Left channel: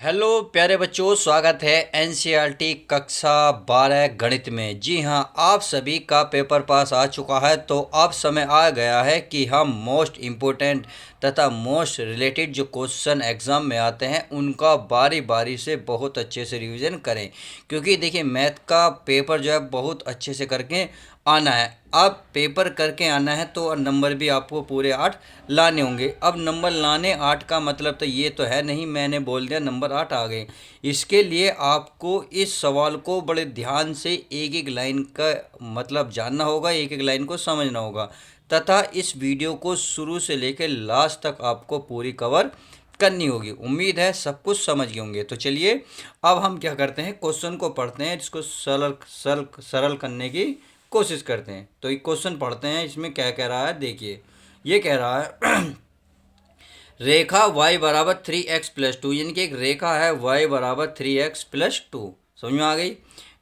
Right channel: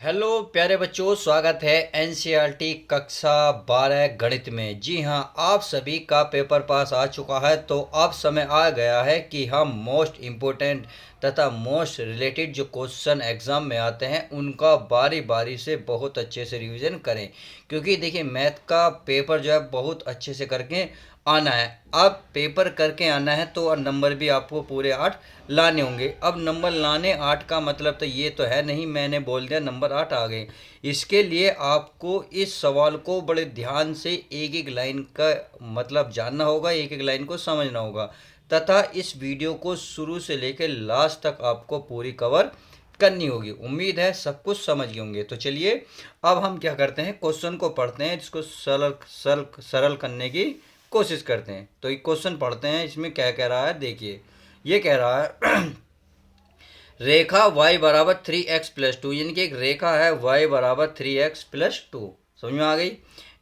Hello प्यारे बच्चों, स्वागत है एनसीईआरटी कक्षा 12 गणित में। जी हाँ, आप सभी का पेपर पास आ चुका है, तो अब समय आ गया है कि हम मोस्ट इम्पोर्टेंट तथा मोस्ट रिलेटेड जो क्वेश्चन एग्ज़ाम में आते हैं उनका बारी बारी से बहुत अच्छे से रिवीजन करें। क्योंकि देखिए, मैथ का पेपर जो है बहुत अच्छे से करके आना है। अब पेपर करके आना है तो नंबर भी आपको पूरे 8 लाने होंगे। अब नंबर लाने 8 का मतलब तो ये तो है नहीं मैंने बोल दिया नंबर 8 आ गए। इसके लिए आपको इस सवाल को बड़े ध्यान से एक एक लाइन का मतलब जानना होगा, एक एक लाइन को समझना होगा, तथा इस वीडियो को शुरू से लेकर लास्ट तक आपको पूरी कवर करनी होगी। उम्मीद है सब कुछ समझ गए होंगे। तो चलिए अब हम क्या करते हैं, क्वेश्चन को पढ़ते हैं, इसको सरल सरल सरल करने की कोशिश करते हैं। तो एक क्वेश्चन पढ़ते हैं, इसमें क्या कह रहा है देखिए। ये कह रहा है रेखा y बराबर 3x+2, यानी कि एक रेखा है y बराबर 3x+2। समझ में आ गई।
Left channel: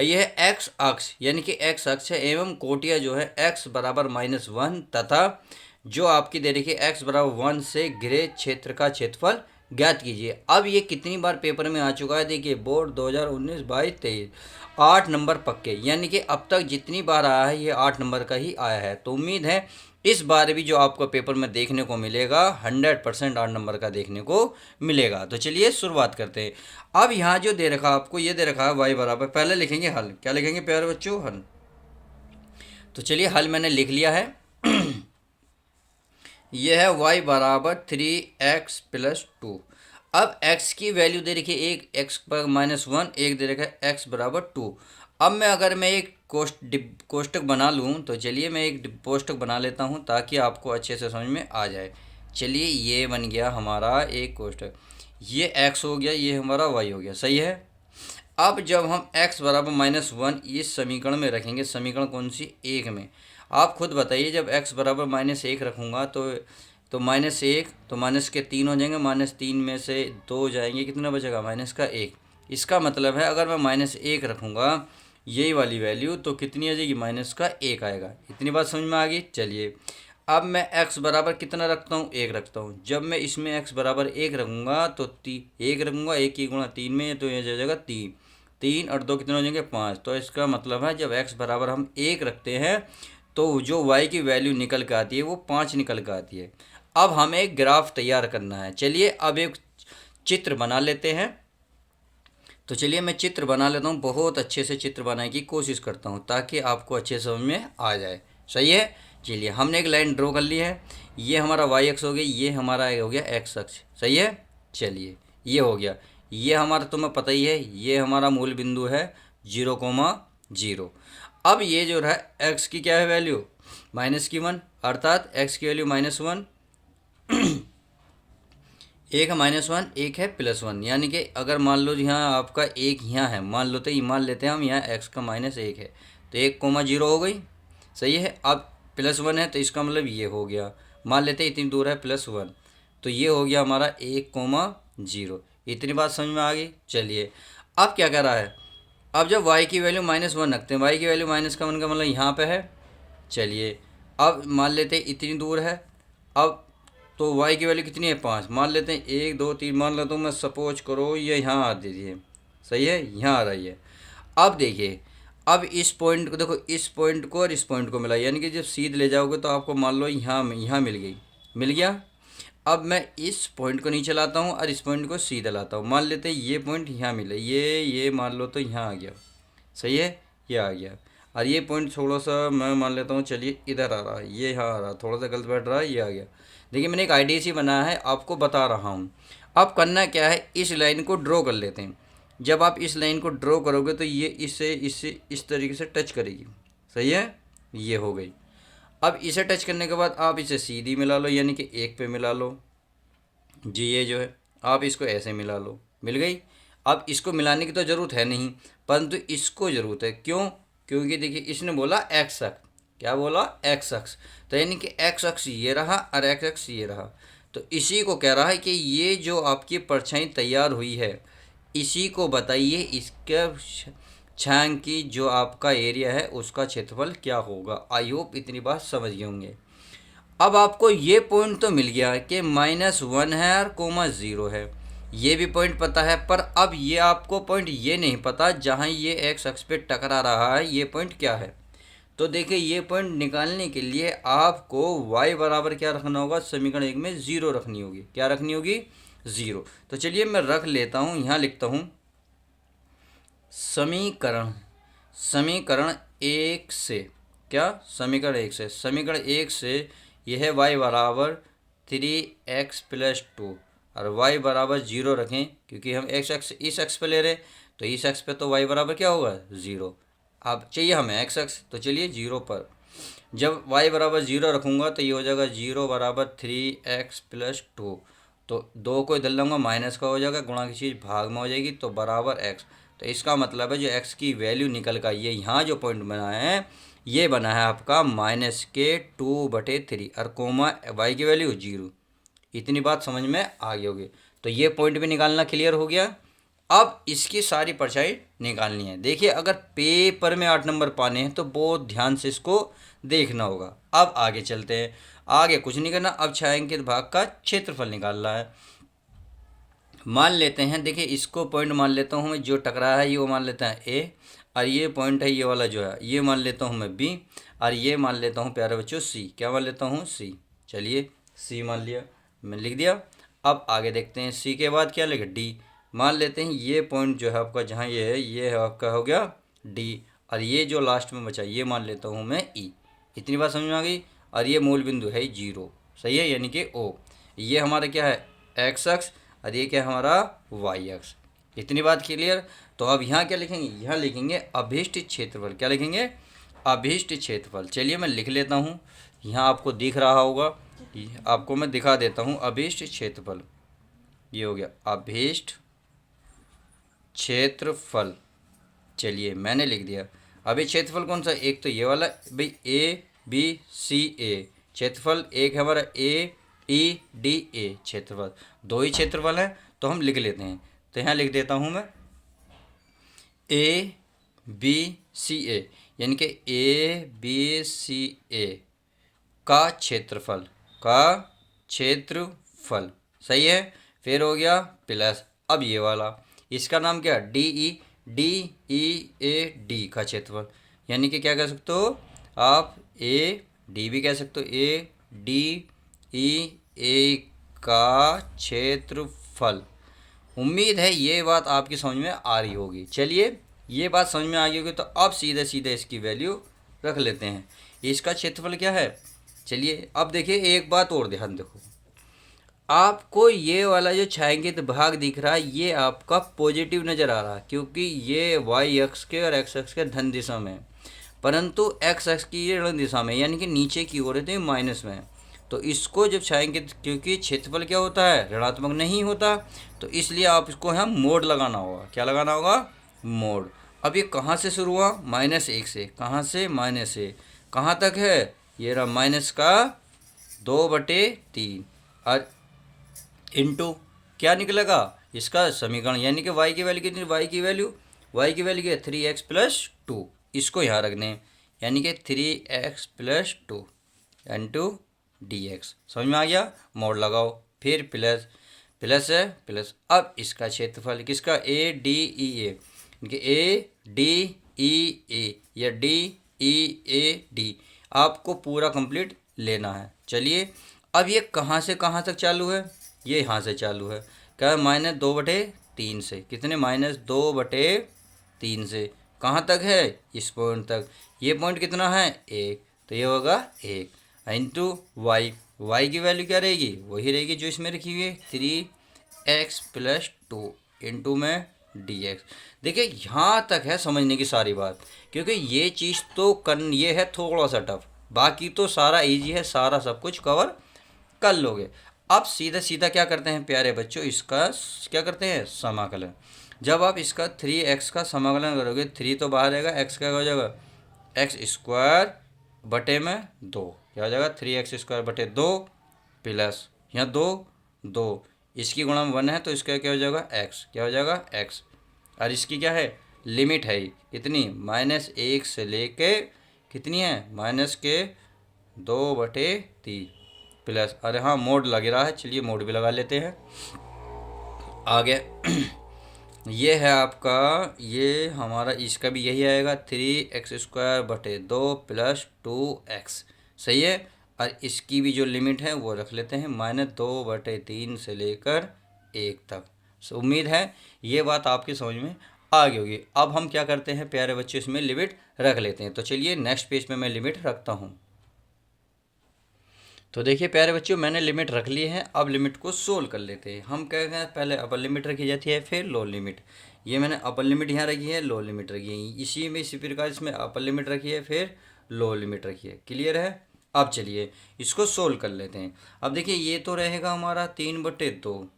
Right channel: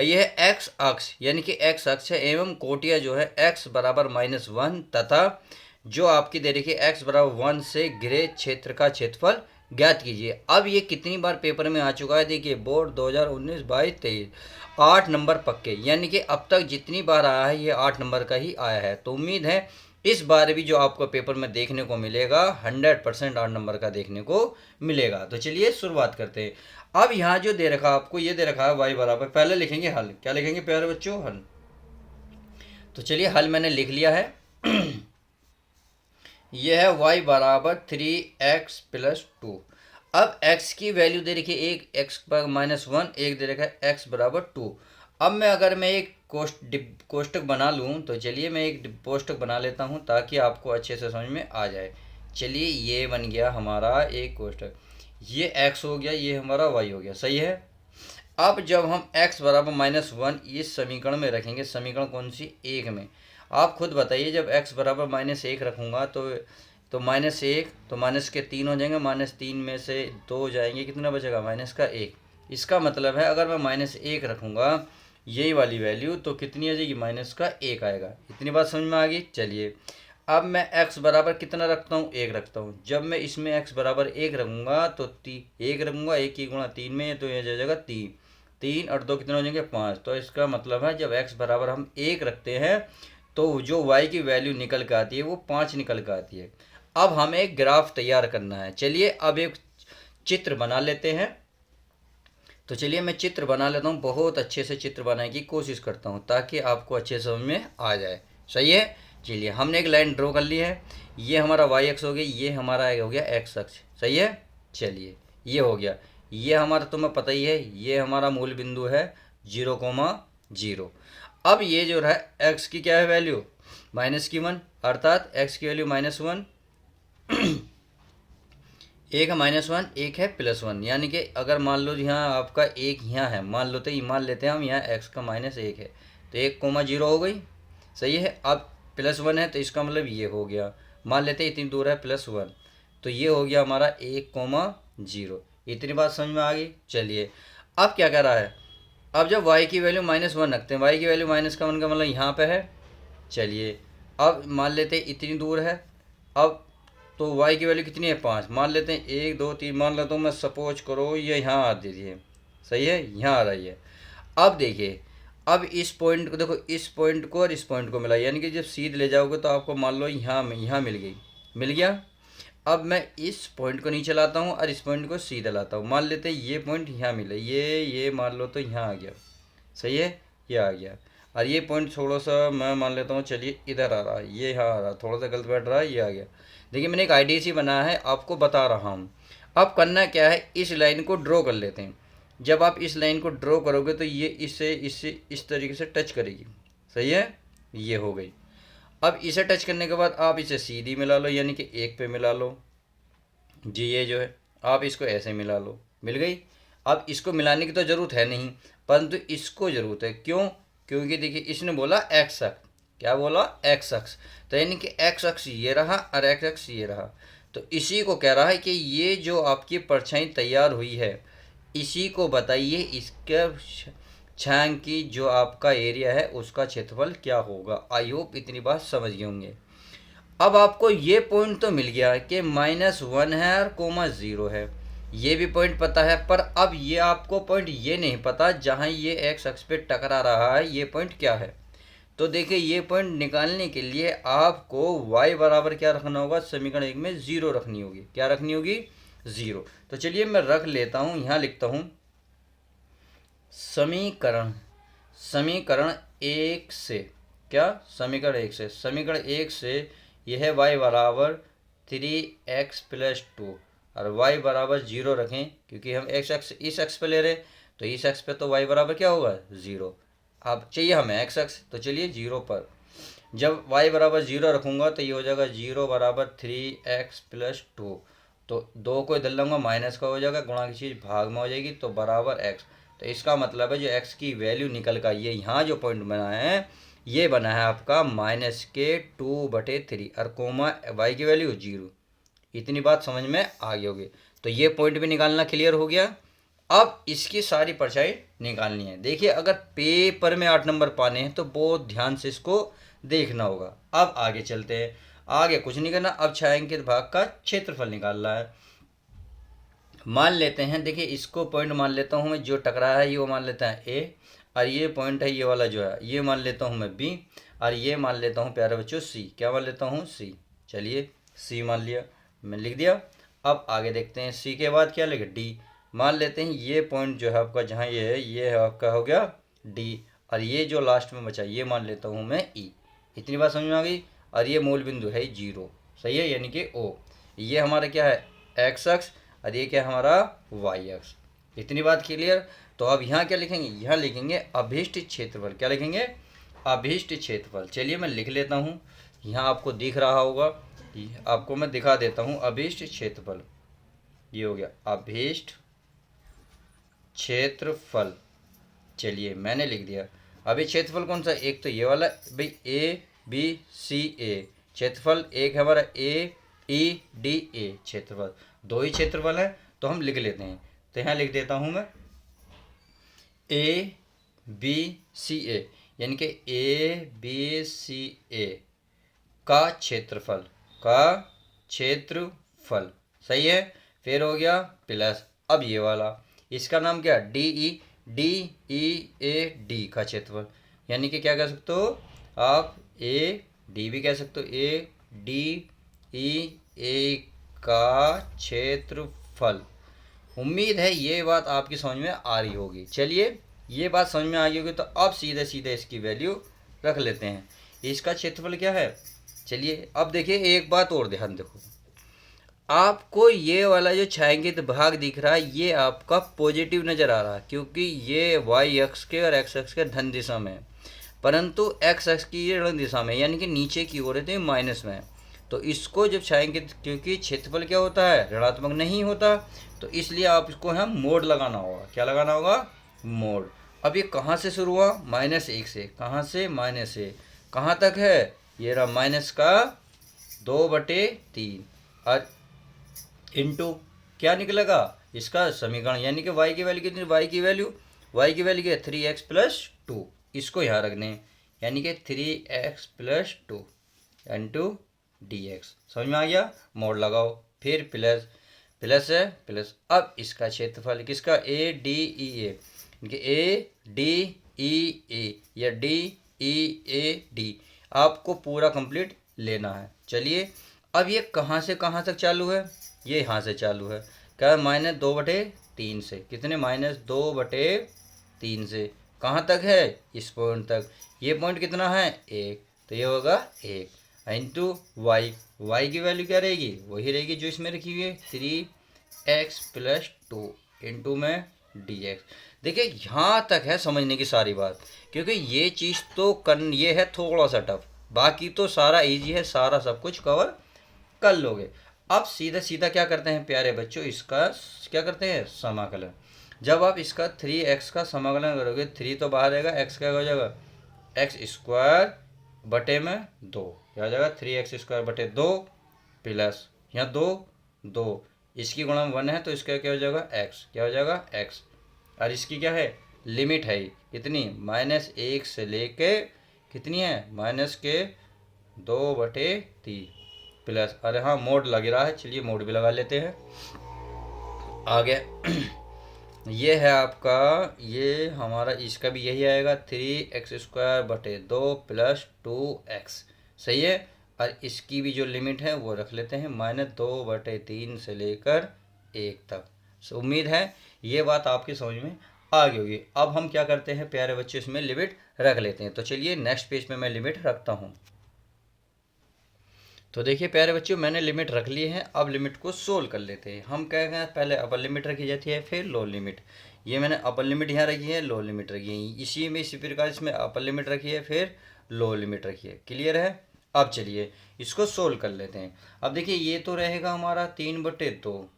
यह है x अक्ष, यानी कि x अक्ष है, एवं कोटिया जो है x बराबर -1 तथा जो आपकी दे रखी है x बराबर 1 से घिरे क्षेत्र का क्षेत्रफल ज्ञात कीजिए। अब ये कितनी बार पेपर में आ चुका है देखिए, बोर्ड 2019, 22, 23, 8 नंबर पक्के, यानी कि अब तक जितनी बार आया है ये 8 नंबर का ही आया है। तो उम्मीद है इस बार भी जो आपको पेपर में देखने को मिलेगा 100% 8 नंबर का देखने को मिलेगा। तो चलिए शुरुआत करते हैं। अब यहाँ जो दे रखा आपको, ये दे रखा है y बराबर, पहले लिखेंगे हल। क्या लिखेंगे प्यारे बच्चों? हल। तो चलिए हल मैंने लिख लिया है। यह है y बराबर 3x+2। अब x की वैल्यू दे रखी है एक, x पर -1, एक दे रखा है x बराबर 2। अब मैं एक कोष्टक बना लूँ, तो चलिए मैं एक कोष्टक बना लेता हूँ ताकि आपको अच्छे से समझ में आ जाए। चलिए ये बन गया हमारा एक कोष्टक, ये x हो गया, ये हमारा y हो गया। सही है। अब जब हम x बराबर -1 इस समीकरण में रखेंगे, समीकरण कौन सी? एक में। आप खुद बताइए, जब x बराबर -1 रखूँगा तो -1, तो माइनस के 3 हो जाएंगे, -3 में से 2 जाएंगे, कितना बचेगा? -1। इसका मतलब है अगर मैं -1 रखूँगा यही वाली वैल्यू, तो कितनी आ जाएगी? -1 आएगा। इतनी बात समझ में आ गई। चलिए अब मैं x बराबर कितना रखता हूँ? 1 रखता हूँ। जब मैं इसमें x बराबर 1 रखूँगा तो 1 रखूँगा, 1 की गुणा 3 में, तो यह जाएगा 3, 3 और 2 कितने हो जाएंगे? 5। तो इसका मतलब है जब x बराबर हम 1 रखते हैं तो जो y की वैल्यू निकल के आती है वो 5 निकल के आती है। अब हमें एक ग्राफ तैयार करना है। चलिए अब एक चित्र बना लेते हैं। तो चलिए मैं चित्र बना लेता हूँ, बहुत अच्छे से चित्र बनाने की कोशिश करता हूँ ताकि आपको अच्छे समझ में आ जाए। सही है। चलिए हमने एक लाइन ड्रॉ कर ली है। ये हमारा y अक्ष हो गया, ये हमारा हो गया x अक्ष। सही है। चलिए ये हो गया, ये हमारा तुम्हें पता ही है, ये हमारा मूल बिंदु है 0,0। अब ये जो है x की क्या है वैल्यू? -1, अर्थात x की वैल्यू -1। एक है -1, एक है +1, यानी कि अगर मान लो यहाँ आपका एक यहाँ है, मान लो, तो ये मान लेते हैं हम, यहाँ x का -1 है, तो 1,0 हो गई। सही है। अब +1 है तो इसका मतलब ये हो गया, मान लेते हैं इतनी दूर है +1, तो ये हो गया हमारा 1,0। इतनी बात समझ में आ गई। चलिए अब क्या कर रहा है, अब जब y की वैल्यू -1 रखते हैं, y की वैल्यू -1 का मतलब यहाँ पे है। चलिए अब मान लेते हैं इतनी दूर है, अब तो y की वैल्यू कितनी है? 5। मान लेते हैं 1, 2, 3, मान लेता हूँ मैं, सपोज करो ये यहाँ आ दीजिए। सही है, यहाँ आ रही है। अब देखिए, अब इस पॉइंट को देखो, इस पॉइंट को और इस पॉइंट को मिला, यानी कि जब सीध ले जाओगे तो आपको मान लो यहाँ यहाँ मिल गई, मिल गया। अब मैं इस पॉइंट को नीचे लाता हूँ और इस पॉइंट को सीधे लाता हूँ, मान लेते हैं ये पॉइंट यहाँ मिले, ये मान लो तो यहाँ आ गया। सही है, ये आ गया। और ये पॉइंट थोड़ा सा मैं मान लेता हूँ, चलिए इधर आ रहा है, ये यहाँ आ रहा है, थोड़ा सा गलत बैठ रहा है, ये आ गया। देखिए मैंने एक आईडी सी बनाया है, आपको बता रहा हूँ। अब करना क्या है, इस लाइन को ड्रॉ कर लेते हैं। जब आप इस लाइन को ड्रॉ करोगे तो ये इससे इससे इस तरीके से टच करेगी। सही है, ये हो गई। अब इसे टच करने के बाद आप इसे सीधी मिला लो, यानी कि 1 पे मिला लो जी। ये जो है आप इसको ऐसे मिला लो, मिल गई। अब इसको मिलाने की तो ज़रूरत है नहीं, परंतु इसको ज़रूरत है। क्यों? क्योंकि देखिए इसने बोला एक्स अक्ष, क्या बोला? एक्स अक्ष। तो यानी कि एक्स अक्ष ये रहा और एक्स अक्ष ये रहा। तो इसी को कह रहा है कि ये जो आपकी परछाई तैयार हुई है, इसी को बताइए, इसके छांग की जो आपका एरिया है उसका क्षेत्रफल क्या होगा। आई होप इतनी बात समझ गए होंगे। अब आपको ये पॉइंट तो मिल गया कि -1 है और 0 है। ये भी पॉइंट पता है, पर अब ये आपको पॉइंट ये नहीं पता जहाँ ये एक्स अक्ष पे टकरा रहा है, ये पॉइंट क्या है। तो देखिए ये पॉइंट निकालने के लिए आपको y बराबर क्या रखना होगा, समीकरण एक में 0 रखनी होगी। क्या रखनी होगी, 0। तो चलिए मैं रख लेता हूँ, यहाँ लिखता हूँ समीकरण समीकरण एक से, क्या, समीकरण एक से यह y बराबर 3x+2 और y बराबर 0 रखें, क्योंकि हम x अक्ष इस अक्ष पे ले रहे हैं, तो इस अक्ष पे तो y बराबर क्या होगा, 0। अब चाहिए हमें x अक्ष, तो चलिए 0 पर जब y बराबर 0 रखूँगा तो ये हो जाएगा 0 बराबर 3x+2। तो दो को इधर लूँगा, माइनस का हो जाएगा, गुणा की चीज़ भाग में हो जाएगी, तो बराबर x। तो इसका मतलब है जो x की वैल्यू निकल कर ये यहाँ जो पॉइंट बना है, ये बना है आपका -2/3 और कोमा y की वैल्यू 0। इतनी बात समझ में आ गई होगी। तो ये पॉइंट भी निकालना क्लियर हो गया। अब इसकी सारी परछाई निकालनी है। देखिए अगर पेपर में 8 नंबर पाने हैं तो बहुत ध्यान से इसको देखना होगा। अब आगे चलते हैं, आगे कुछ नहीं करना, अब छायांकित भाग का क्षेत्रफल निकालना है। मान लेते हैं, देखिए इसको पॉइंट मान लेता हूँ मैं, जो टकरा है ये वो मान लेते हैं ए, और ये पॉइंट है ये वाला जो है ये मान लेता हूँ मैं बी, और ये मान लेता हूँ प्यारे बच्चों सी। क्या मान लेता हूँ, सी। चलिए सी मान लिया, मैं लिख दिया। अब आगे देखते हैं, सी के बाद क्या लिखे, डी। मान लेते हैं ये पॉइंट जो है आपका जहाँ ये है आपका हो गया डी, और ये जो लास्ट में बचा ये मान लेता हूँ मैं ई। इतनी बात समझ में आ गई। और ये मूल बिंदु है 0, सही है, यानी कि ओ। ये हमारा क्या है, एक्स अक्ष, और ये क्या है हमारा वाई अक्ष। इतनी बात क्लियर। तो अब यहाँ क्या लिखेंगे, यहाँ लिखेंगे अभीष्ट क्षेत्रफल। क्या लिखेंगे, अभीष्ट क्षेत्रफल। चलिए मैं लिख लेता हूँ, यहाँ आपको दिख रहा होगा, आपको मैं दिखा देता हूँ अभीष्ट क्षेत्रफल। ये हो गया अभीष्ट क्षेत्रफल। चलिए मैंने लिख दिया। अभी क्षेत्रफल कौन सा, एक तो ये वाला भाई ए बी सी ए, क्षेत्रफल एक है हमारा ए ई डी ए। क्षेत्रफल दो ही क्षेत्रफल है, तो हम लिख लेते हैं। तो यहाँ लिख देता हूँ मैं ए बी सी ए, यानी कि ए बी सी ए का क्षेत्रफल, सही है। फिर हो गया प्लस, अब ये वाला इसका नाम क्या, डी ई ए डी का क्षेत्रफल, यानी कि क्या कह सकते हो आप, ए डी भी कह सकते हो, ए डी ई ए का क्षेत्रफल। उम्मीद है ये बात आपकी समझ में आ रही होगी। चलिए ये बात समझ में आ गई होगी, तो अब सीधे सीधे इसकी वैल्यू रख लेते हैं। इसका क्षेत्रफल क्या है, चलिए अब देखिए एक बात और ध्यान देखो, आपको ये वाला जो छायांकित भाग दिख रहा है ये आपका पॉजिटिव नज़र आ रहा है, क्योंकि ये वाई अक्ष के और एक्स अक्ष के धन दिशा में है, परंतु एक्स अक्ष की ये ऋण दिशा में, यानी कि नीचे की ओर है तो ये माइनस में है। तो इसको जब छायांकित, क्योंकि क्षेत्रफल क्या होता है, ऋणात्मक नहीं होता, तो इसलिए आप इसको हम मोड लगाना होगा। क्या लगाना होगा, मोड। अब ये कहाँ से शुरू हुआ, -1 से। कहाँ से, -1 कहाँ तक है, ये रहा माइनस का 2/3 और इंटू क्या निकलेगा, इसका समीकरण, यानी कि y की वैल्यू कितनी, y की वैल्यू क्या है 3x+2। इसको यहाँ रखने, यानी कि 3x+2 इंटू dx। समझ में आ गया, मोड लगाओ, फिर प्लस, प्लस है प्लस। अब इसका क्षेत्रफल किसका, A D E A D E ए या डी ई ए डी, आपको पूरा कंप्लीट लेना है। चलिए अब ये कहाँ से कहाँ तक चालू है, ये यहाँ से चालू है, क्या है, -2/3 से। कितने, -2/3 से कहाँ तक है, इस पॉइंट तक। ये पॉइंट कितना है, 1, तो ये होगा 1 इंटू वाई की वैल्यू क्या रहेगी, वही रहेगी जो इसमें रखी हुई है 3x+2 इंटू में dx। देखिए यहाँ तक है समझने की सारी बात, क्योंकि ये चीज़ तो ये है थोड़ा सा टफ, बाकी तो सारा इजी है, सारा सब कुछ कवर कर लोगे। अब सीधा सीधा क्या करते हैं प्यारे बच्चों, इसका क्या करते हैं, समाकलन। जब आप इसका 3x का समाकलन करोगे, 3 तो बाहर आएगा, x का हो जाएगा x²/2। क्या हो जाएगा, 3x²/2 प्लस यहाँ 2 इसकी गुणा 1 है, तो इसका क्या हो जाएगा, x। क्या हो जाएगा, x। और इसकी क्या है, लिमिट है इतनी, -1 से लेके कितनी है, -2/3 प्लस। अरे हाँ मोड लग रहा है, चलिए मोड भी लगा लेते हैं। आ गया। ये है आपका, ये हमारा इसका भी यही आएगा 3x² बटे 2 प्लस 2x। सही है। और इसकी भी जो लिमिट है वो रख लेते हैं -2/3 से लेकर 1 तक। उम्मीद है ये बात आपकी समझ में आ गई होगी। अब हम क्या करते हैं प्यारे बच्चों, इसमें लिमिट रख लेते हैं। तो चलिए नेक्स्ट पेज पे मैं लिमिट रखता हूँ। तो देखिए प्यारे बच्चों, मैंने लिमिट रख ली है। अब लिमिट को सोल्व कर लेते हैं। हम क्या कहें, पहले अपर लिमिट रखी जाती है, फिर लोअर लिमिट। ये मैंने अपर लिमिट यहाँ रखी है, लोअर लिमिट रखी है। इसी प्रकार इसमें अपर लिमिट रखी है, फिर लोअर लिमिट रखी है। क्लियर है। अब चलिए इसको सोल्व कर लेते हैं। अब देखिए ये तो रहेगा हमारा 3/2,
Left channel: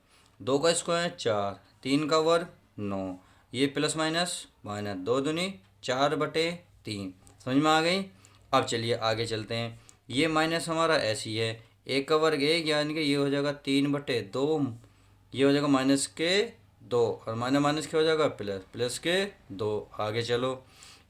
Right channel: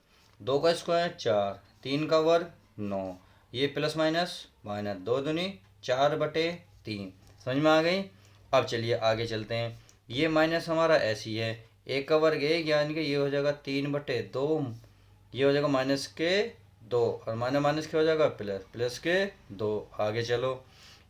2 का स्क्वायर 4, 3 का वर्ग 9, ये प्लस माइनस माइनस 2 दूनी 4/3। समझ में आ गई। अब चलिए आगे चलते हैं। ये माइनस हमारा ऐसी है, 1 का वर्ग 1, यानी कि ये हो जाएगा 3/2, ये हो जाएगा -2, और माइनस माइनस क्या हो जाएगा प्लस, +2। आगे चलो,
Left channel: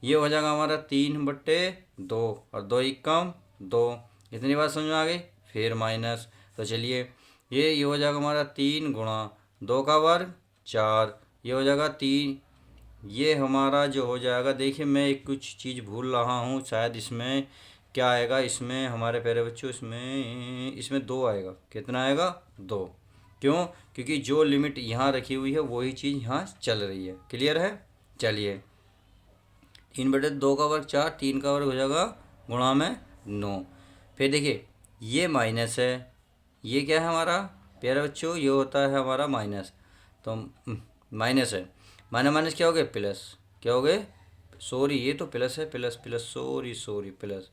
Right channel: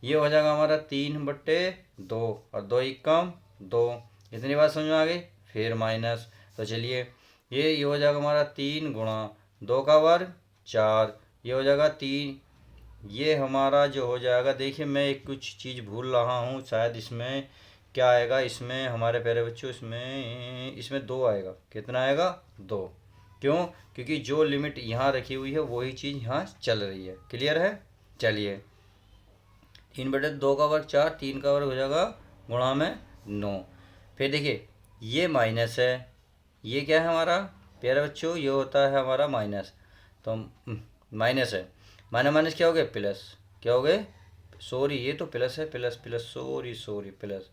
ये हो जाएगा हमारा 3/2, और 2 एकम 2। इतनी बात समझ में आ गई। फिर माइनस, तो चलिए ये हो जाएगा हमारा 3 गुणा 2 का वर्ग 4, ये हो जाएगा 3। ये हमारा जो हो जाएगा, देखिए मैं एक कुछ चीज़ भूल रहा हूँ, शायद इसमें क्या आएगा, इसमें हमारे प्यारे बच्चों, इसमें 2 आएगा। कितना आएगा 2। क्यों, क्योंकि जो लिमिट यहाँ रखी हुई है वही चीज़ यहाँ चल रही है। क्लियर है। चलिए 3/2 का वर्ग 4, 3 का वर्ग हो जाएगा गुणा में 9। फिर देखिए ये माइनस है, ये क्या है हमारा प्यारे बच्चों, ये होता है हमारा माइनस। तो माइनस है, माइनस माइनस क्या हो गए प्लस, क्या हो गए, सॉरी ये तो प्लस है, plus plus sorry plus,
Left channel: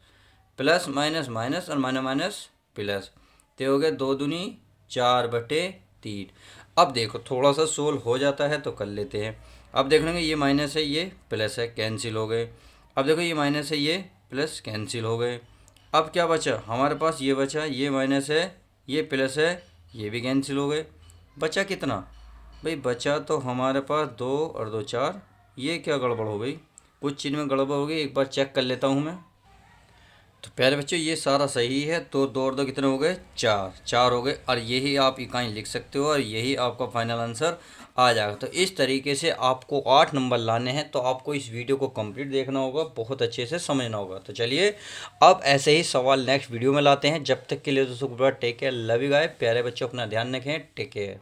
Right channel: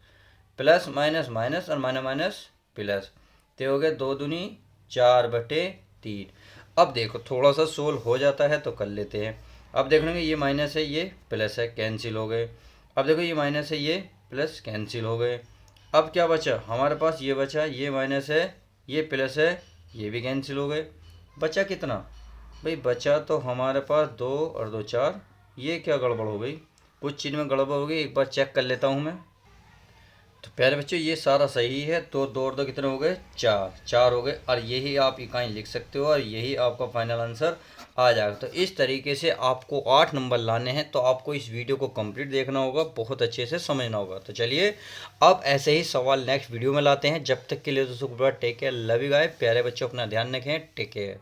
plus minus minus और माइनस माइनस प्लस। तो हो गए 2 दूनी 4/3। अब देखो थोड़ा सा सोल्व हो जाता है तो कर लेते हैं। अब देख लेंगे ये माइनस है, ये प्लस है, कैंसिल हो गए। अब देखो ये माइनस है, ये प्लस, कैंसिल हो गए। अब क्या बचा हमारे पास, ये बचा, ये माइनस है, ये प्लस है, ये भी कैंसिल हो गए। बचा कितना भाई, बचा तो हमारे पास 2 और 2 4। ये क्या गड़बड़ हो गई, कुछ चीज़ में गड़बड़ हो गई, एक बार चेक कर लेता हूँ मैं। तो पहले बच्चों ये सारा सही है, तो 2 और 2 कितने हो गए, 4 हो गए। और यही आप इकाई लिख सकते हो और यही आपका फाइनल आंसर आ जाएगा। तो इस तरीके से आपको 8 नंबर लाने हैं। तो आपको इस वीडियो को कंप्लीट देखना होगा, बहुत अच्छे से समझना होगा। तो चलिए अब ऐसे ही सवाल नेक्स्ट वीडियो में लाते हैं। जब तक के लिए दोस्तों take care, love you guys. प्यारे बच्चों अपना ध्यान रखें, टेक केयर।